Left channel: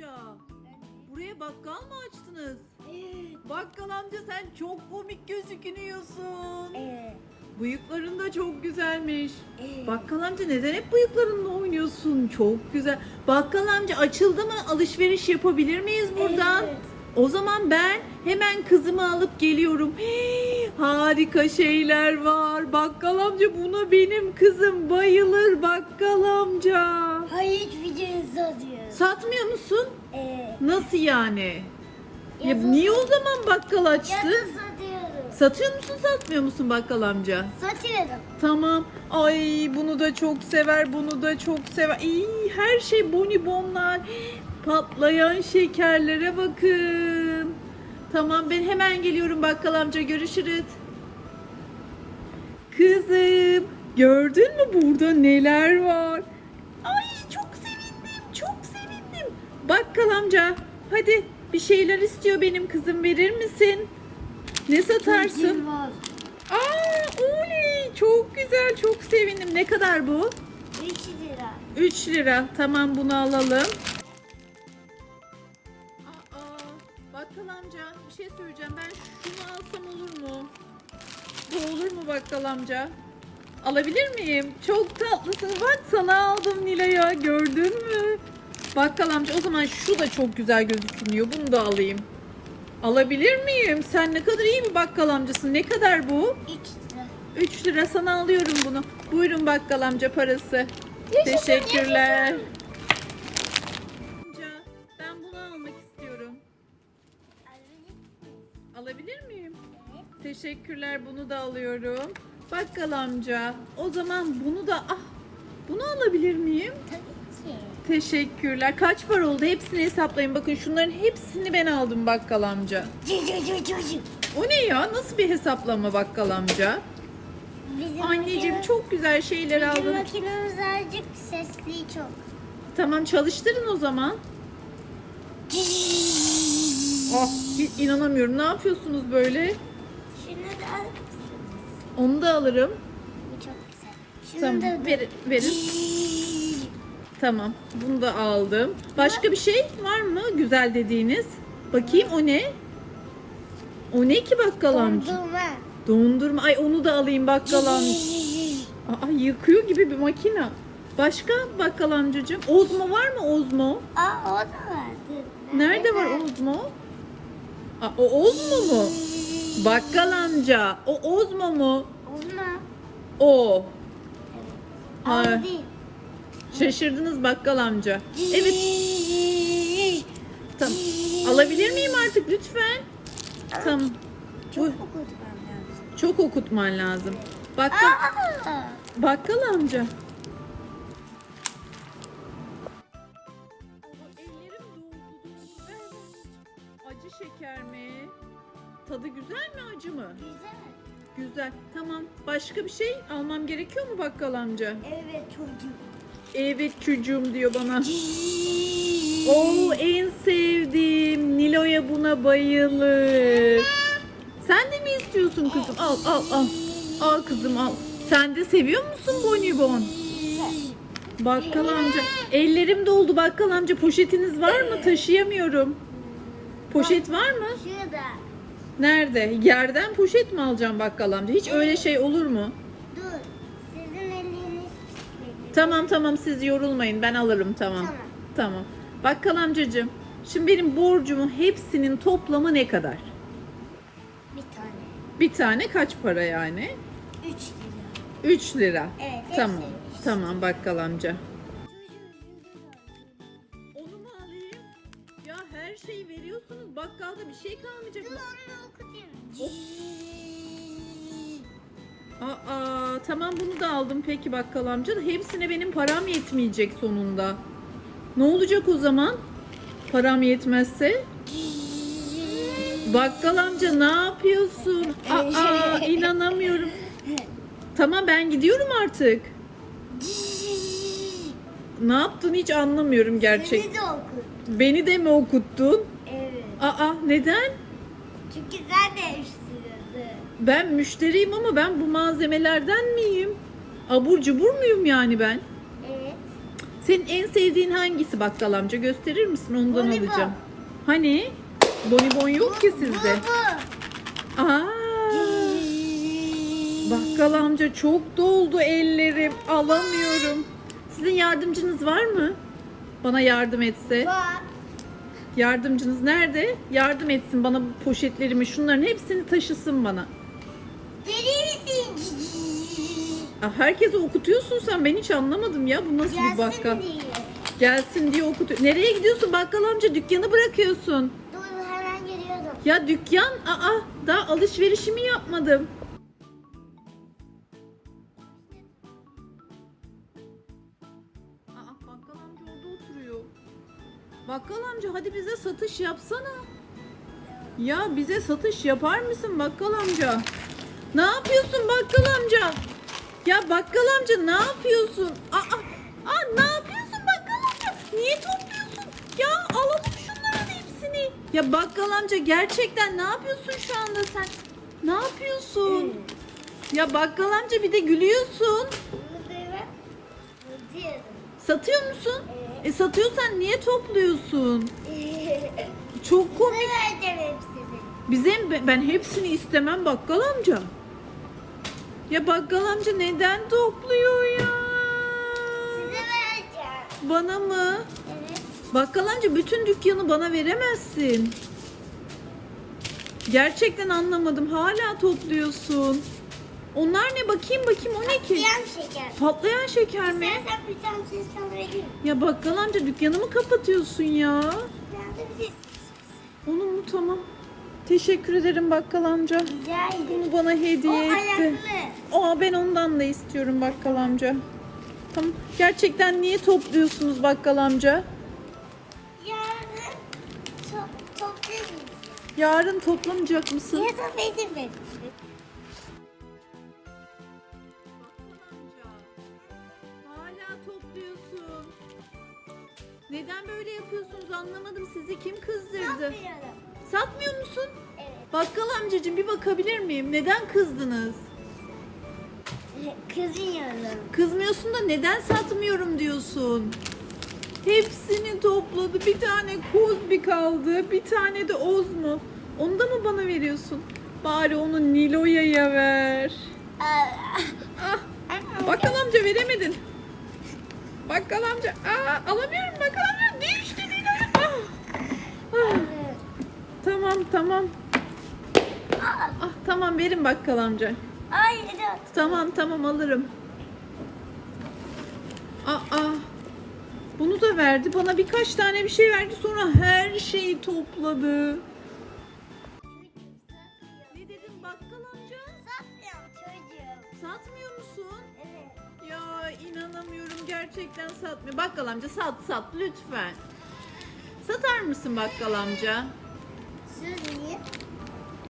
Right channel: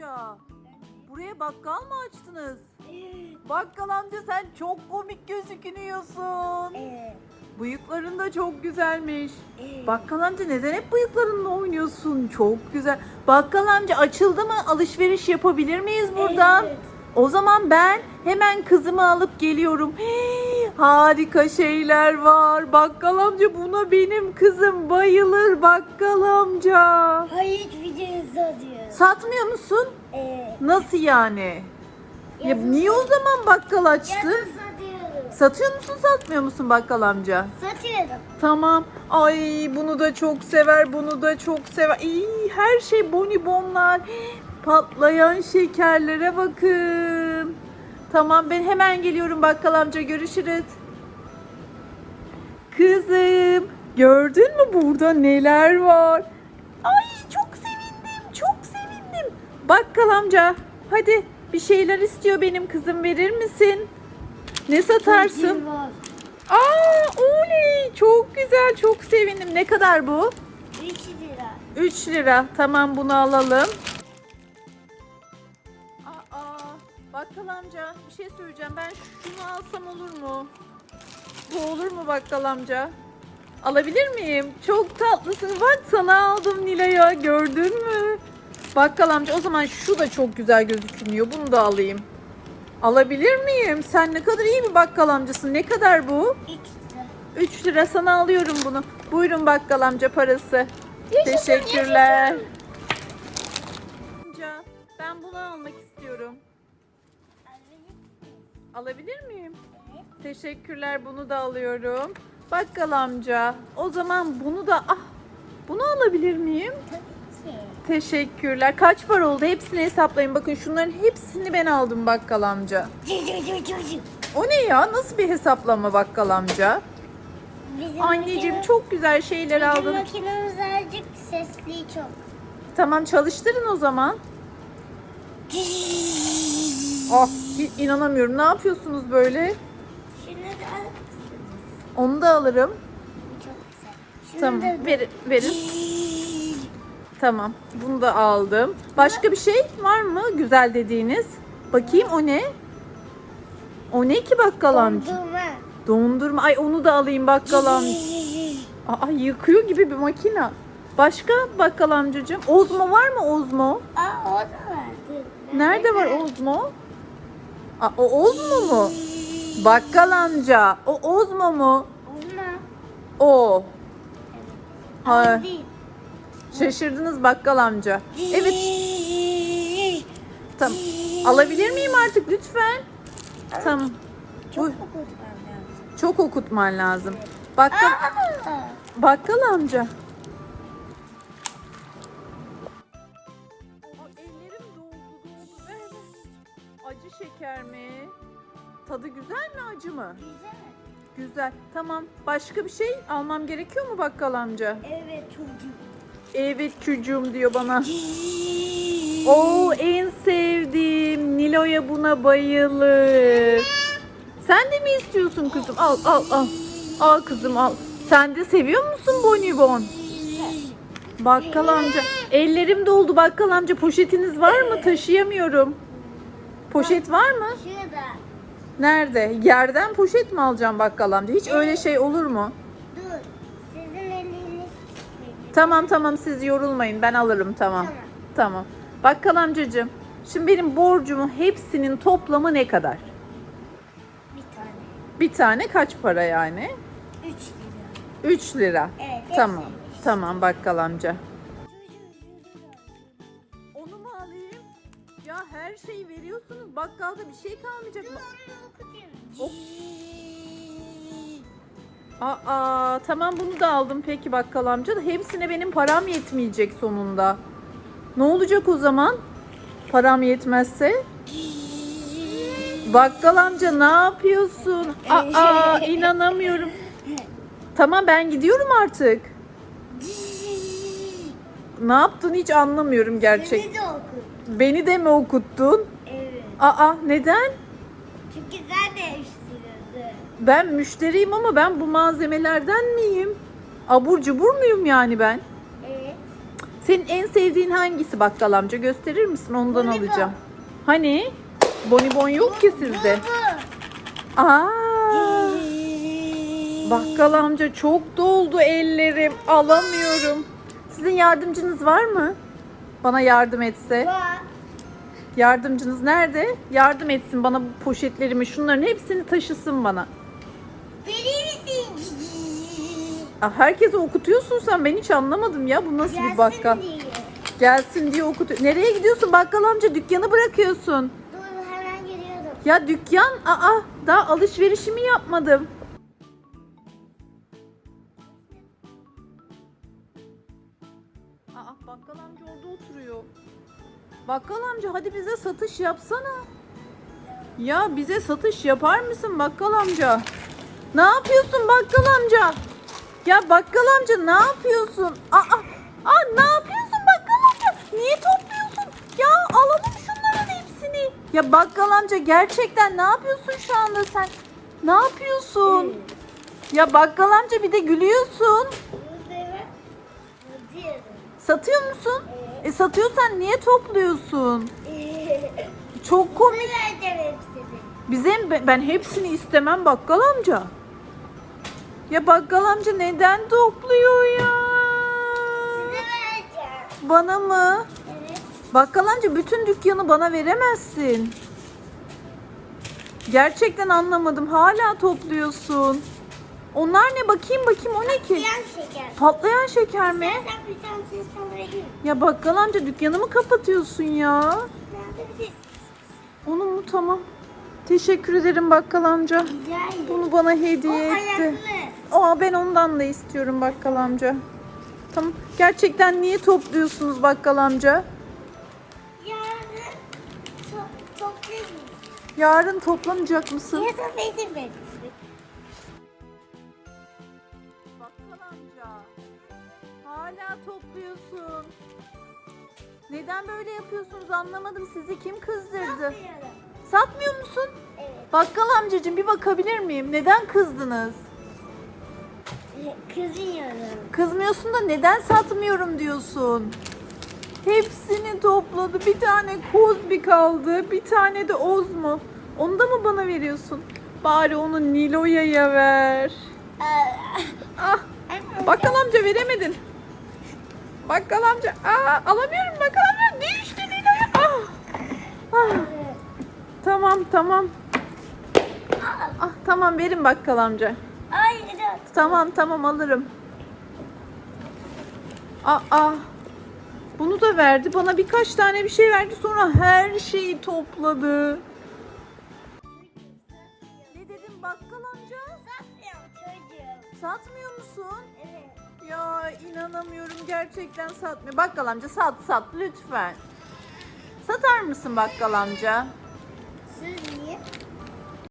amca. Buraya bakkal mı açtınız? Evet. Bakkal amca sen çok komik gözüküyorsun. Evet. Bıyıkların da çok güzelmiş. Evet. Bakkal amca neden hep bıyıklarınla oynuyorsun? Çok güzel. Bakkal amca açıldı mı? Alışveriş yapabilir miyiz buradan? Evet. O zaman ben hemen kızımı alıp geliyorum. Hii, harika şeyler var. Bakkal amca buna benim kızım bayılır bakkal amca. Satıyor. Satmıyor musun? Evet. Nasıl yani? Ya Yazın- niye o zaman bakkal açtın? Yazın satıyorum. Satıyor musun satmıyor musun bakkal amca? Satıyorum. Tamam. Ay bunu da çok sever, bunu da çok sever. İyi, her şey bonibonlar. Patlayan şekerlere bakın. Tamam ben hemen geliyorum bakkal amca görüşürüz. Kızım gördün mü burada neler var? Ay Bakkal amca hadi bir şeyler istiyor benim kızım verir misin? Ne satarsın? Aa oley çok güzel çok sevindim. Ne kadar bu? 3 lira. 3 lira. Tamam bunu alalım. Aa bakkal amca bir şey söyleyeceğim. Ben şunu alsam olur mu? Bu olur mu bakkal amca? Alabilir miyim? Çok tatlısın. Bak sana aldım Nilay'a. Gördün mü? Bakkal amca o zaman şu da çok güzel gözüküyor. Bunu da alayım. Alabilir miyim? Sen ne kadar iyi bir bakkal amcasın. Ne kadar bu? 3 lira. 3 lira sana alıyorum bunu. Buyurun bakkal amca parası. Yaşasın, Teşekkürler. yaşasın. Ben bunu almak istiyorum. Alabilir miyim? Evet. Teşekkürler bunu da alıyorum. Bakkal amca o zaman bunu da ah bunu alabilir miyim? Tabii. Teşekkürler. Kaç para oldu? Hepsini hesaplayın. Bakın şunların hepsini ben aldım bakkal amca. O ne ya? Nasıl bir hesaplama bakkal amca? Bizim Anneciğim makine- çok güzel şeyler Bizim aldın. makinemiz azıcık sesli çok. Tamam çalıştırın o zaman. Ah inanamıyorum. Ne yapıyorsunuz böyle? Şunu da mısınız? Onu da alırım. Bu çok güzel. Şunu Tamam da ver, verin. Tamam bunu da aldım. Başka bir şey var mı güzel dediğiniz? Bakayım o ne? O ne ki bakkal amca? Dondurma. Dondurma. Ay onu da alayım bakkal amca. Aa yıkıyor gibi bir makine. Başka bakkal amcacığım? Ozmo var mı Ozmo? Aa o da vardı. Nerede var Ozmo? Aa, o Ozmo mu? Bakkal amca. O Ozmo mu? Olma. O. Aa değil. Şaşırdınız bakkal amca. Evet tamam. Alabilir miyim artık lütfen? Tamam. Çok Bu- okutmam lazım. Çok okutman lazım. Bakkal, bakkal amca. Acı şeker mi? Tadı güzel mi acı mı? Güzel. Güzel. Tamam. Başka bir şey almam gerekiyor mu bakkal amca? Evet çocuk. Evet çocuğum diyor bana. Oo en sevdiğim. Nilo'ya buna bayılır. Sen de mi istiyorsun kızım? Al al al. Al kızım al. Sen de seviyor musun bonibon? Bakkal amca. Ellerim doldu bakkal amca. Poşetiniz var mı? Taşıyamıyorum. Poşet var mı? Şurada. Nerede? Yerden poşet mi alacağım bakkal amca? Hiç öyle şey olur mu? Dur. Tamam tamam siz yorulmayın ben alırım tamam. Tamam. Tamam. Bakkal amcacığım şimdi benim borcumun hepsinin toplamı ne kadar? Bir tane. Bir tane kaç para yani? Üç lira. 3 lira. Evet. Tamam. hepsiymiş. Tamam bakkal amca. Onu mu alayım? Ya her şeyi veriyorsunuz. Bakkalda bir şey kalmayacak mı? Onu okutayım. Hop. Aa tamam bunu da aldım peki bakkal amca da hepsine benim param yetmeyecek sonunda. Ne olacak o zaman? Param yetmezse? Bakkal amca ne yapıyorsun? Aa inanamıyorum. Tamam ben gidiyorum artık. Ne yaptın hiç anlamıyorum gerçek. Seni de okut. Beni de mi okuttun? Evet. Aa neden? Çünkü sen değiştiriyorsun. Ben müşteriyim ama ben bu malzemelerden miyim? Abur cubur muyum yani ben? Evet. Senin en sevdiğin hangisi bakkal amca? Gösterir misin? Ondan Bonibon. alacağım. Hani? Bonibon yok ki sizde. Bu Aa! Bakkal amca çok doldu ellerim. Alamıyorum. Sizin yardımcınız var mı? Bana yardım etse. Var. Yardımcınız nerede? Yardım etsin bana bu poşetlerimi. Şunların hepsini taşısın bana. Aa, herkese okutuyorsun sen. Ben hiç anlamadım ya. Bu nasıl bir bakkal? Gelsin diye. Gelsin diye okutuyor. Nereye gidiyorsun bakkal amca? Dükkanı bırakıyorsun. Dur hemen geliyorum. Ya dükkan, aa daha alışverişimi yapmadım. Aa bakkal amca orada oturuyor. Bakkal amca hadi bize satış yapsana. Ya bize satış yapar mısın bakkal amca? Ne yapıyorsun bakkal amca? Ya bakkal amca ne yapıyorsun? Aa, aa ne yapıyorsun bakkal amca? Niye topluyorsun? Ya alalım şunların hepsini. Ya bakkal amca gerçekten ne yapıyorsun şu anda sen? Ne yapıyorsun? Ya bakkal amca bir de gülüyorsun. Satıyor musun? E satıyorsan niye topluyorsun? Çok komik. Bize ben hepsini istemem bakkal amca. Ya bakkal amca neden topluyor ya? Size vereceğim. Bana mı? Evet. Bakkal amca bütün dükkanı bana veremezsin. Gerçekten anlamadım. Hala topluyorsun. Onlar ne bakayım bakayım o ne ki? Yan şeker. Patlayan şeker mi? İstersen bir tanesini sana vereyim. Ya bakkal amca dükkanı mı kapatıyorsun ya? Ben de bir Onu mu tamam. Teşekkür ederim bakkal amca. rica ederim. Bunu bana O hediye etti. ayaklı. Aa ben ondan da istiyorum bakkal amca. Tamam. Gerçekten niye topluyorsunuz bakkal amca? Yarın değil. Yarın toplamayacak mısın? Ya da benim benim. Bakkal amca. Hala topluyorsun. Neden böyle yapıyorsunuz anlamadım. Sizi kim kızdırdı? Yapmıyorum. Satmıyor musun? Bakkal amcacığım bir bakabilir miyim? Neden kızdınız? Kızıyorum. Kızmıyorsun da neden satmıyorum diyorsun? Hepsini topladı. Bir tane koz bir kaldı. Bir tane de oz mu? Onu da mı bana veriyorsun? Bari onu Nilo'ya ver. Ah, bakkal amca veremedin. Bakkal amca. Aa, alamıyorum bakkal amca. Düştü Nilo'ya. Ah. Ah, tamam tamam. Ah tamam verin bakkal amca. Hayır. Tamam tamam alırım. Aa. Bunu da verdi. Bana birkaç tane bir şey verdi. Sonra her şeyi topladı. Ne dedim bakkal amca? Satmıyorum çocuğum. Satmıyor musun? Evet. Ya inanamıyorum gerçekten satmıyor. Bakkal amca sat sat lütfen. Satar mısın bakkal amca? Siz niye?